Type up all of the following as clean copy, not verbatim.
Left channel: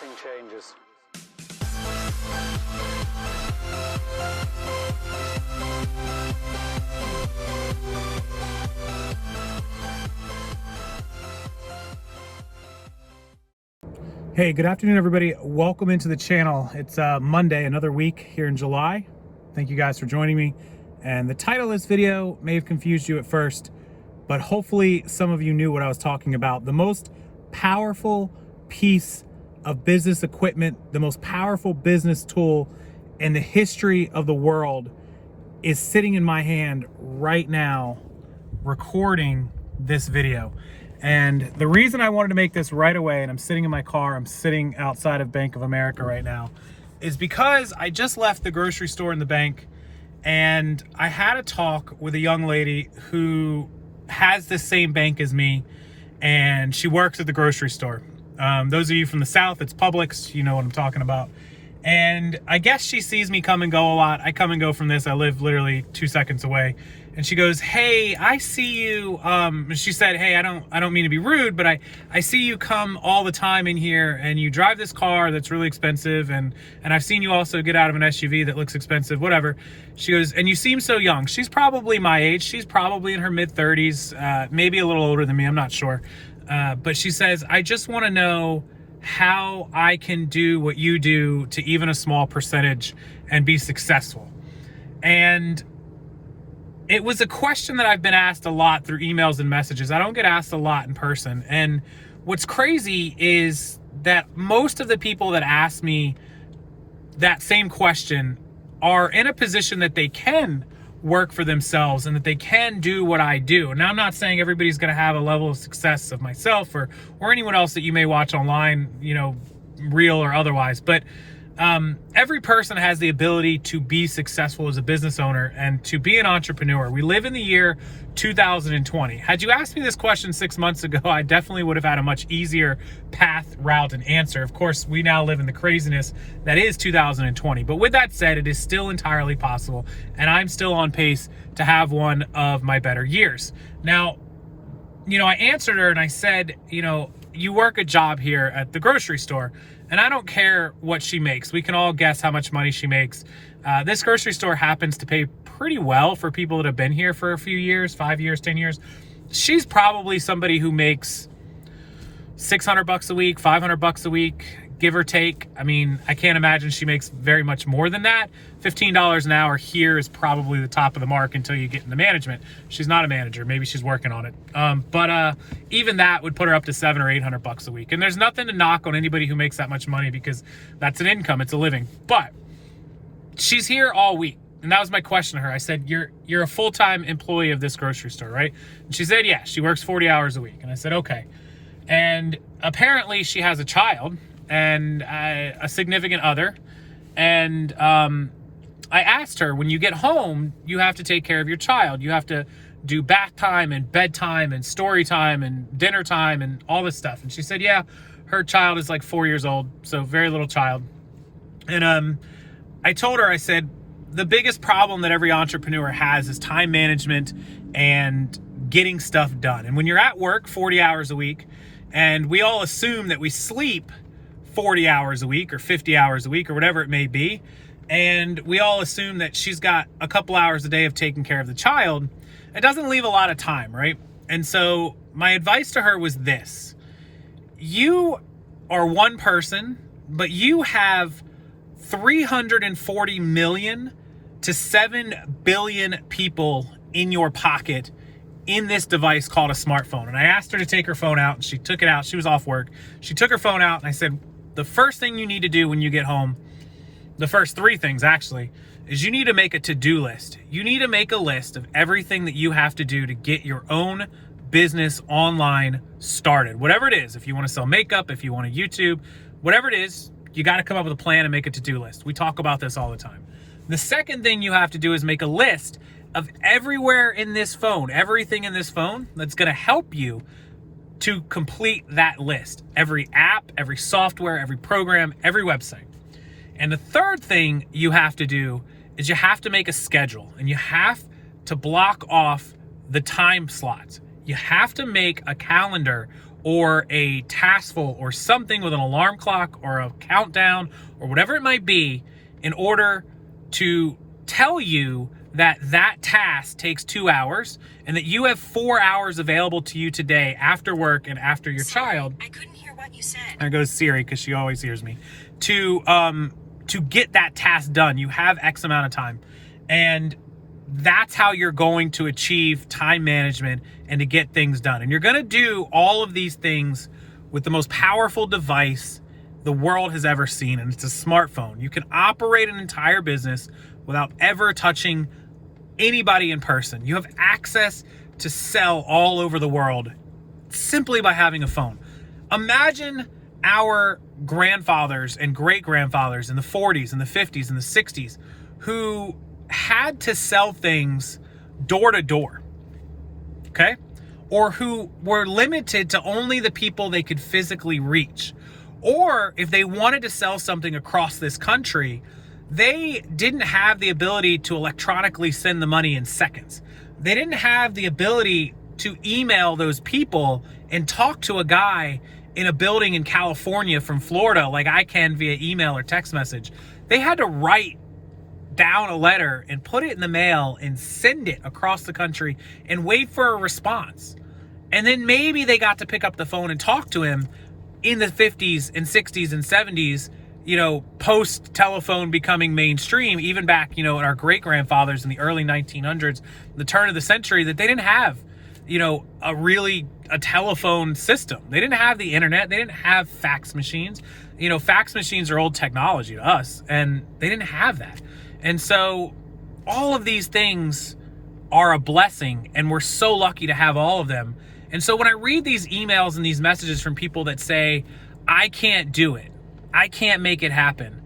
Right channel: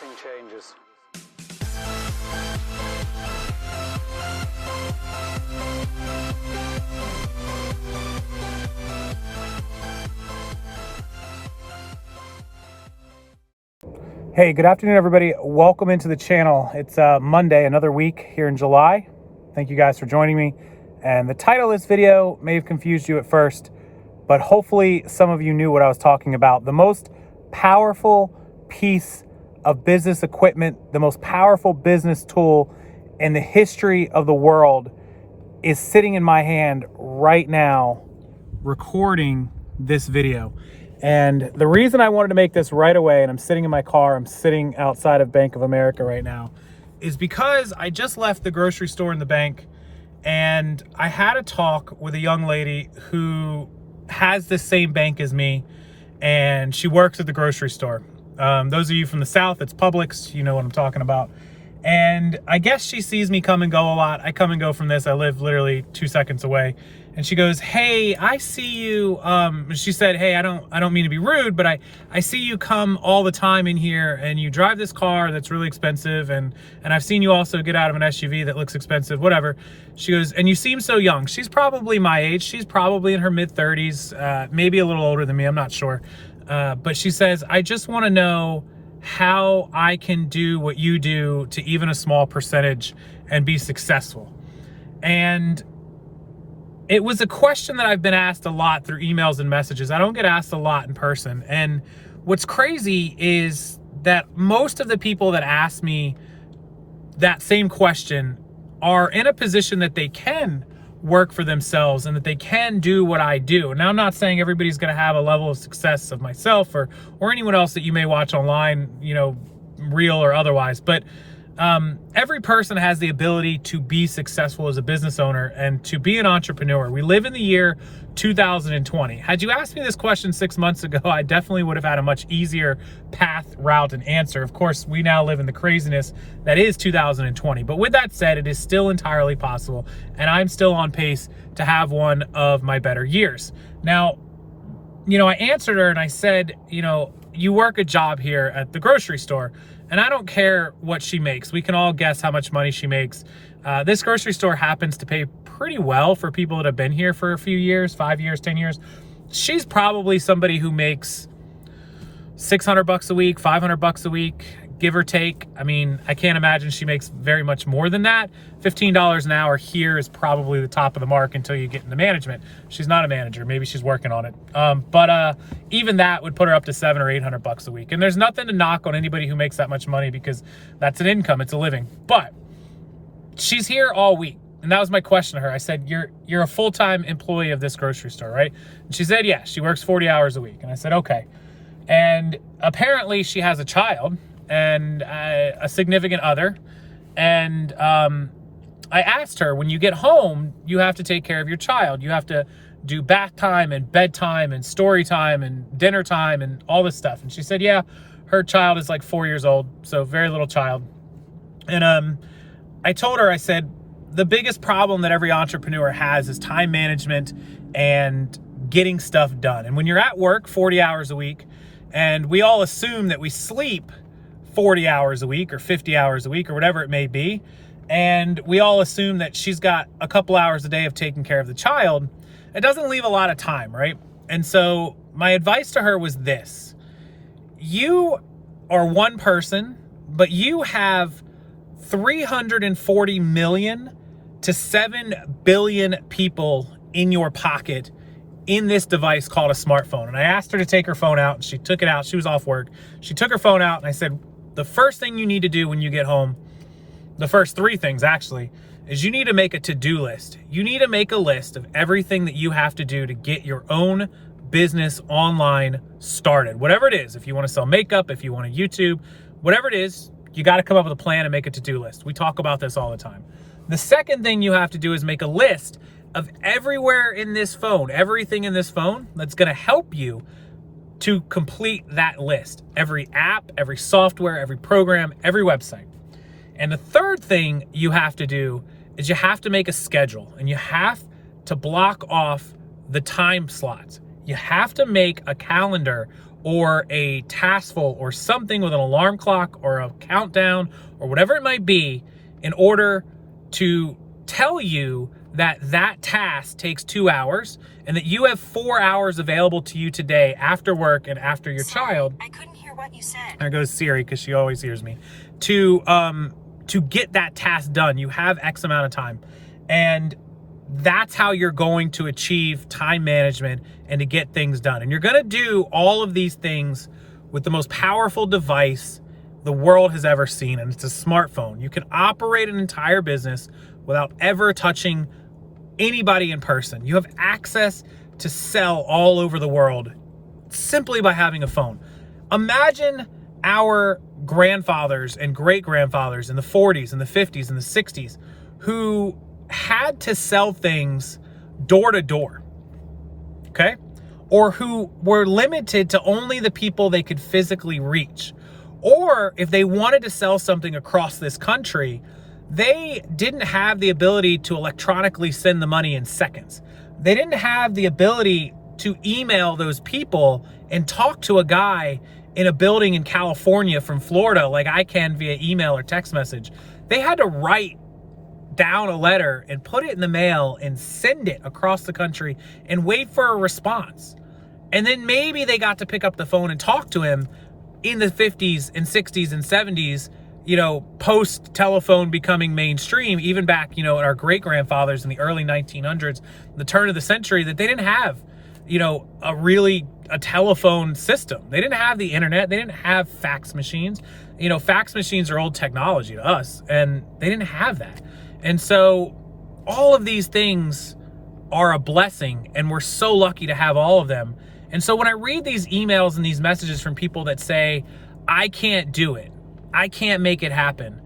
everything changes. Hey, good afternoon, everybody. Welcome into the channel. It's Monday, another week here in July. Thank you guys for joining me. And the title of this video may have confused you at first, but hopefully some of you knew what I was talking about. The most powerful piece of business equipment, the most powerful business tool in the history of the world is sitting in my hand right now, recording this video. And the reason I wanted to make this right away, and I'm sitting in my car, I'm sitting outside of Bank of America right now, is because I just left the grocery store in the bank and I had a talk with a young lady who has the same bank as me, and she works at the grocery store. Those of you from the South, it's Publix, you know what I'm talking about. And I guess she sees me come and go a lot. I come and go from this. I live literally 2 seconds away. And she goes, "Hey, I see you." She said, "Hey, I don't mean to be rude, but I see you come all the time in here, and you drive this car that's really expensive, and I've seen you also get out of an SUV that looks expensive, whatever." She goes, "And you seem so young." She's probably my age. She's probably in her mid-30s, maybe a little older than me. I'm not sure. But she says, "I just want to know how I can do what you do to even a small percentage and be successful." And it was a question that I've been asked a lot through emails and messages. I don't get asked a lot in person. And what's crazy is that most of the people that ask me that same question are in a position that they can work for themselves and that they can do what I do. Now, I'm not saying everybody's going to have a level of success of myself or anyone else that you may watch online, you know, real or otherwise, but every person has the ability to be successful as a business owner and to be an entrepreneur. We live in the year 2020. Had you asked me this question 6 months ago, I definitely would have had a much easier path, route, and answer. Of course, we now live in the craziness that is 2020. But with that said, it is still entirely possible, and I'm still on pace to have one of my better years. Now, you know, I answered her and I said, you know, you work a job here at the grocery store, and I don't care what she makes. We can all guess how much money she makes. This grocery store happens to pay pretty well for people that have been here for a few years, 5 years, 10 years. She's probably somebody who makes $600 a week, $500 a week, give or take. I mean, I can't imagine she makes very much more than that. $15 an hour here is probably the top of the mark until you get into management. She's not a manager. Maybe she's working on it. But even that would put her up to $700 or $800 a week. And there's nothing to knock on anybody who makes that much money because that's an income. It's a living. But she's here all week. And that was my question to her. I said, you're a full-time employee of this grocery store, right? And she said, yeah, she works 40 hours a week. And I said, okay. And apparently she has a child and a significant other. And I asked her, when you get home, you have to take care of your child. You have to do bath time and bedtime and story time and dinner time and all this stuff. And she said, yeah, her child is like 4 years old, so very little child. And I told her, I said, the biggest problem that every entrepreneur has is time management and getting stuff done. And when you're at work 40 hours a week, and we all assume that we sleep 40 hours a week or 50 hours a week or whatever it may be, and we all assume that she's got a couple hours a day of taking care of the child, it doesn't leave a lot of time, right? And so my advice to her was this: you are one person, but you have 340 million to 7 billion people in your pocket in this device called a smartphone. And I asked her to take her phone out, and she took it out. She was off work. She took her phone out, and I said, the first thing you need to do when you get home, the first three things actually, is you need to make a to-do list. You need to make a list of everything that you have to do to get your own business online started. Whatever it is, if you want to sell makeup, if you want to YouTube, whatever it is, you got to come up with a plan and make a to-do list. We talk about this all the time. The second thing you have to do is make a list of everywhere in this phone, everything in this phone that's going to help you to complete that list. Every app, every software, every program, every website. And the third thing you have to do is you have to make a schedule, and you have to block off the time slots. You have to make a calendar or a taskful or something with an alarm clock or a countdown or whatever it might be in order to tell you that that task takes 2 hours and that you have 4 hours available to you today after work and after your child. I couldn't hear what you said. There goes Siri, because she always hears me. To get that task done, you have X amount of time. And that's how you're going to achieve time management and to get things done. And you're going to do all of these things with the most powerful device the world has ever seen, and it's a smartphone. You can operate an entire business without ever touching anybody in person. You have access to sell all over the world simply by having a phone. Imagine our grandfathers and great-grandfathers in the 40s and the 50s and the 60s who had to sell things door to door, okay? Or who were limited to only the people they could physically reach. Or if they wanted to sell something across this country, they didn't have the ability to electronically send the money in seconds. They didn't have the ability to email those people and talk to a guy in a building in California from Florida like I can via email or text message. They had to write down a letter and put it in the mail and send it across the country and wait for a response. And then maybe they got to pick up the phone and talk to him in the 50s and 60s and 70s, you know, post telephone becoming mainstream, even back, you know, at our great grandfathers in the early 1900s, the turn of the century, that they didn't have, you know, a telephone system. They didn't have the internet. They didn't have fax machines. You know, fax machines are old technology to us, and they didn't have that. And so all of these things are a blessing, and we're so lucky to have all of them. And so when I read these emails and these messages from people that say, I can't do it, I can't make it happen,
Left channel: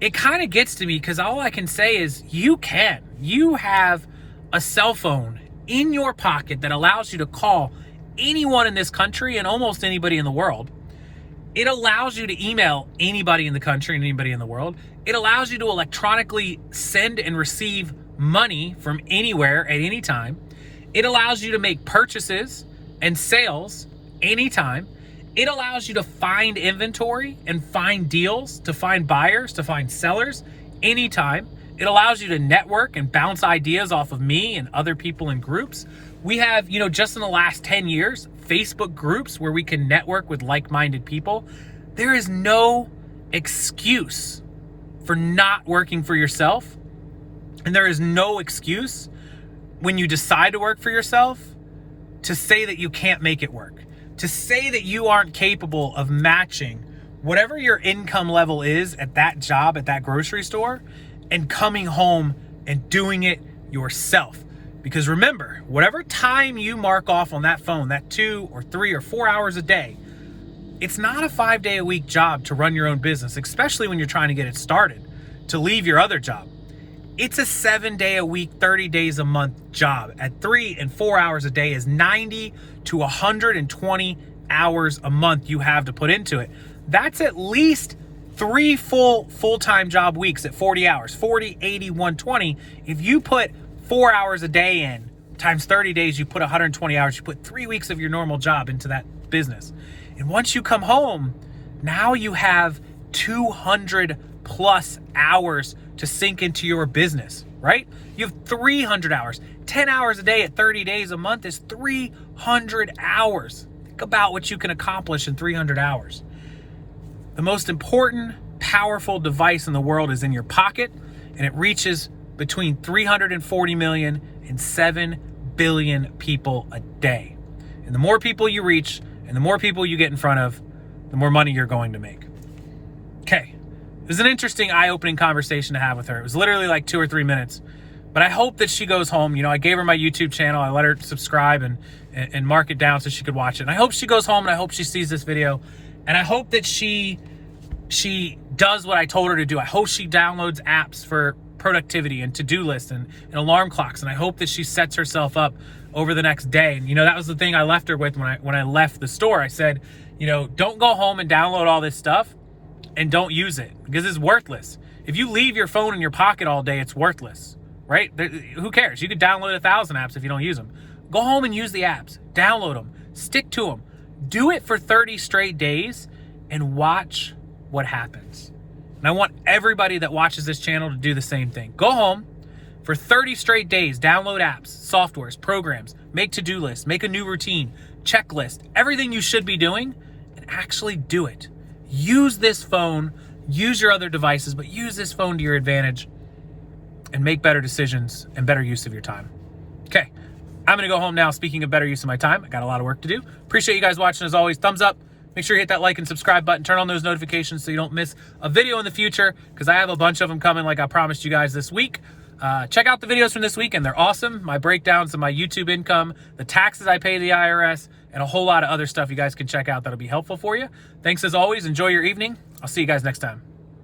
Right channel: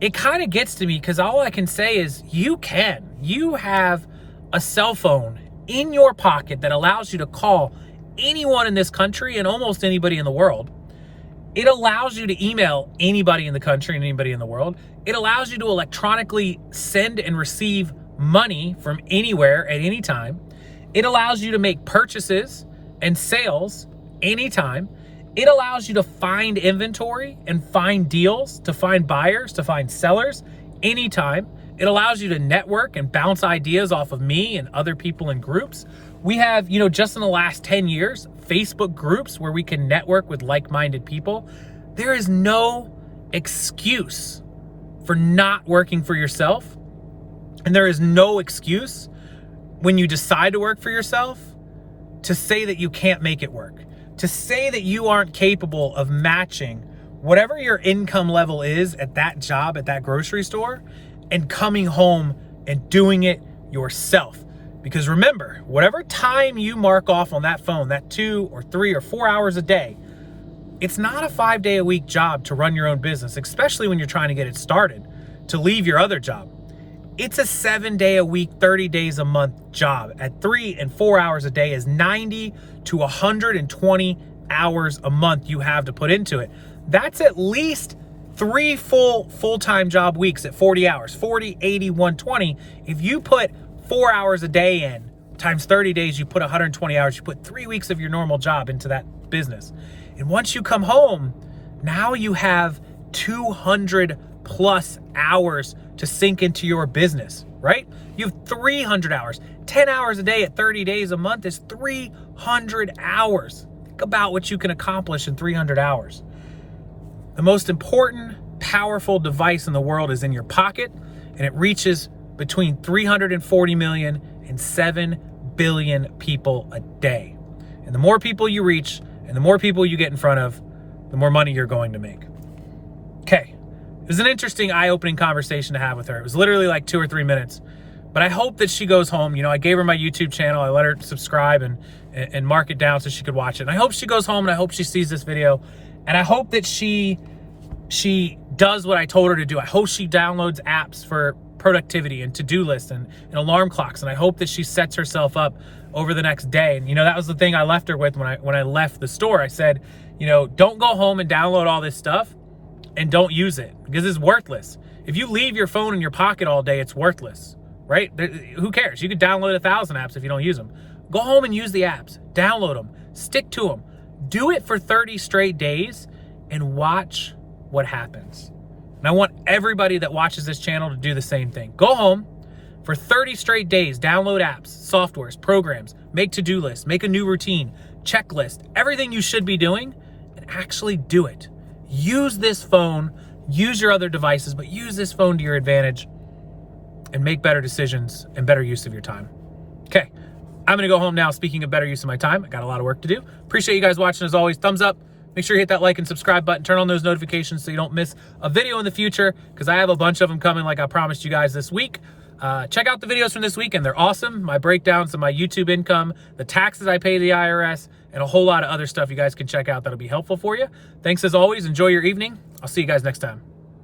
it kind of gets to me, because all I can say is you can. You have a cell phone in your pocket that allows you to call anyone in this country and almost anybody in the world. It allows you to email anybody in the country and anybody in the world. It allows you to electronically send and receive money from anywhere at any time. It allows you to make purchases and sales anytime. It allows you to find inventory and find deals, to find buyers, to find sellers anytime. It allows you to network and bounce ideas off of me and other people in groups. We have, you know, just in the last 10 years, Facebook groups where we can network with like-minded people. There is no excuse for not working for yourself. And there is no excuse when you decide to work for yourself to say that you can't make it work, to say that you aren't capable of matching whatever your income level is at that job, at that grocery store, and coming home and doing it yourself. Because remember, whatever time you mark off on that phone, that 2 or 3 or 4 hours a day, it's not a 5-day-a-week job to run your own business, especially when you're trying to get it started, to leave your other job. It's a 7-day-a-week, 30 days a month job. At 3 and 4 hours a day is 90 to 120 hours a month you have to put into it. That's at least 3 full-time job weeks at 40 hours, 40, 80, 120. If you put 4 hours a day in, times 30 days, you put 120 hours, you put 3 weeks of your normal job into that business. And once you come home, now you have 200 plus hours to sink into your business, right? You have 300 hours. 10 hours a day at 30 days a month is 300 hours. Think about what you can accomplish in 300 hours. The most important, powerful device in the world is in your pocket, and it reaches between 340 million and 7 billion people a day. And the more people you reach and the more people you get in front of, the more money you're going to make. Okay. It was an interesting, eye-opening conversation to have with her. It was literally like 2 or 3 minutes. But I hope that she goes home. You know, I gave her my YouTube channel. I let her subscribe and mark it down so she could watch it. And I hope she goes home and I hope she sees this video. And I hope that she does what I told her to do. I hope she downloads apps for productivity and to-do lists and alarm clocks. And I hope that she sets herself up over the next day. And, you know, that was the thing I left her with when I left the store. I said, you know, don't go home and download all this stuff and don't use it, because it's worthless. If you leave your phone in your pocket all day, it's worthless, right? Who cares? You could download 1,000 apps if you don't use them. Go home and use the apps. Download them. Stick to them. Do it for 30 straight days and watch what happens. And I want everybody that watches this channel to do the same thing. Go home for 30 straight days, download apps, softwares, programs, make to-do lists, make a new routine, checklist, everything you should be doing, and actually do it. Use this phone, use your other devices, but use this phone to your advantage and make better decisions and better use of your time. Okay, I'm gonna go home now. Speaking of better use of my time, I got a lot of work to do. Appreciate you guys watching as always. Thumbs up. Make sure you hit that like and subscribe button. Turn on those notifications so you don't miss a video in the future, because I have a bunch of them coming like I promised you guys this week. Check out the videos from this week, and they're awesome. My breakdowns of my YouTube income, the taxes I pay to the IRS, and a whole lot of other stuff you guys can check out that'll be helpful for you. Thanks as always. Enjoy your evening. I'll see you guys next time.